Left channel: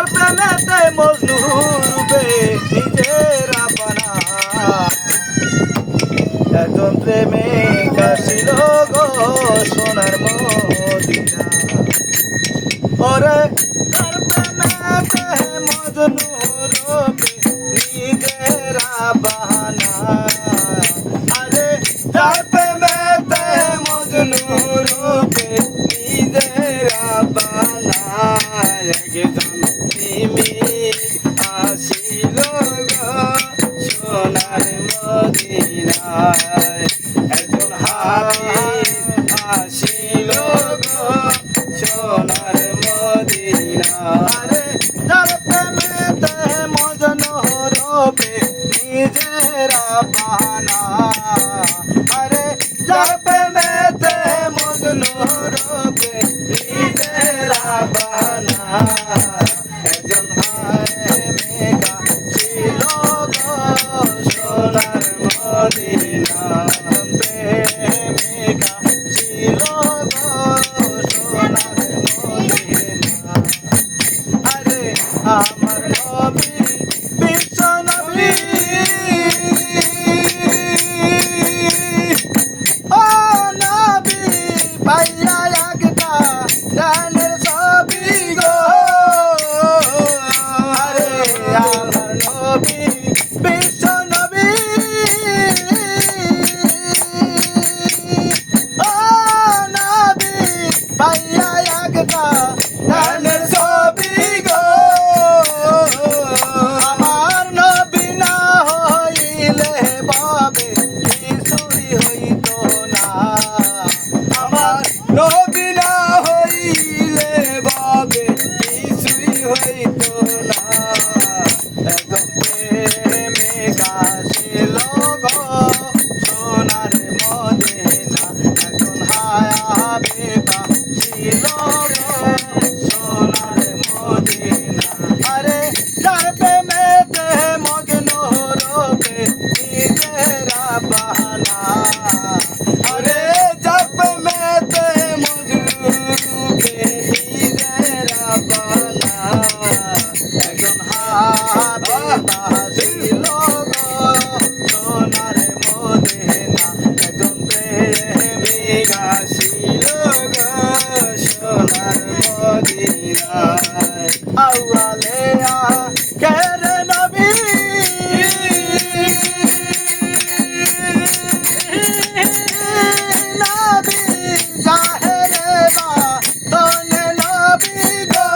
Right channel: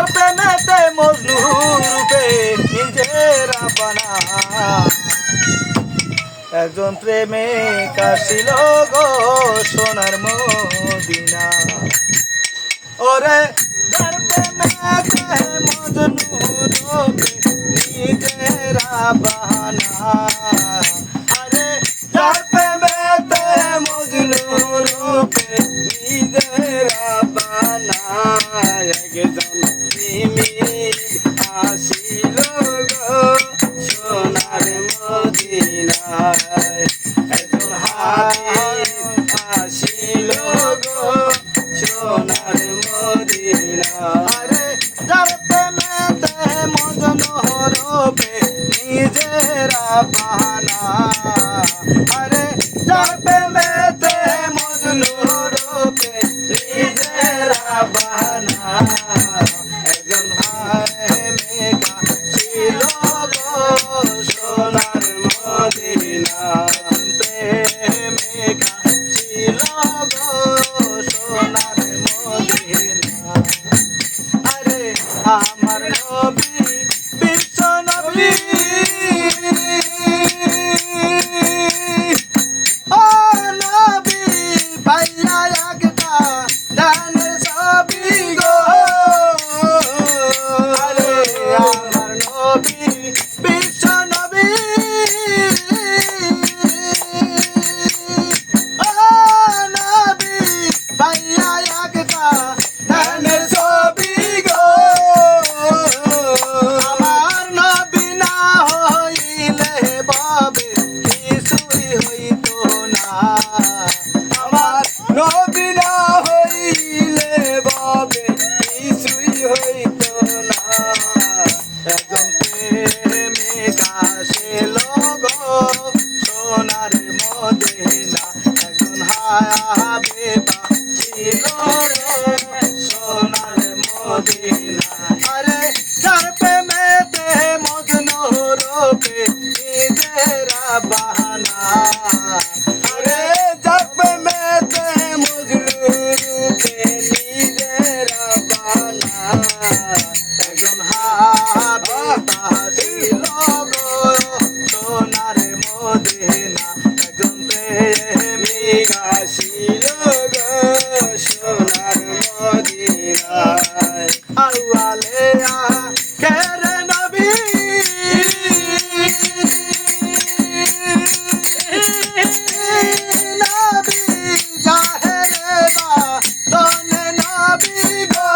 যার প্রেমেতে মজনু রূপে নিজেরা বানা একজন প্রেমিক আসিল গো সোনার মদিনা ওরে যার প্রেমেতে মজনু রূপে নিজেরা বানা আরে যার প্রেমেতে মজনু রূপে নিজেরা বানা একজন প্রেমিক আসিল গো সোনার মদিনায় একজন হাবিব আসিল গো সোনার মদিনায় আরে যার প্রেমেতে মজনু রূপে নিজেরা বানা আরে যার প্রেমেতে মজনু রূপে নিজেরা বানা একজন প্রেমিকা ছিল গো সোনার মদিনা প্রেমিকা ছিল গো সোনার মদিনা আরে আমার নবী বিশ্ব নবী ও নবী পাইয়া একটা দানের ছবি গো আরে আমার নবী বিশ্ব নবী ও নবী পাইয়া একটা দানের ছবি গো আমার নবী না হইলে বাবে কিছুই হইতো না আমার নবী না হইলে বাবে কিছুই হইতো না একজন প্রেমিকা ছিল গো সোনার মদিনা একজন হাবিবা ছিল গো সোনার মদিনা আরে যার প্রেমেতে মজনু রূপে নিজেরা বাহানা আরে যার প্রেমেতে মজনু রূপে নিজেরা বাহানা একজন হাবিবা ছিল গো সোনার মদিনা একজন প্রেমিকা ছিল গো সোনার মদিনায় আউয়ালে আখের নবী নবী জাহেরে বাতনে নবী গো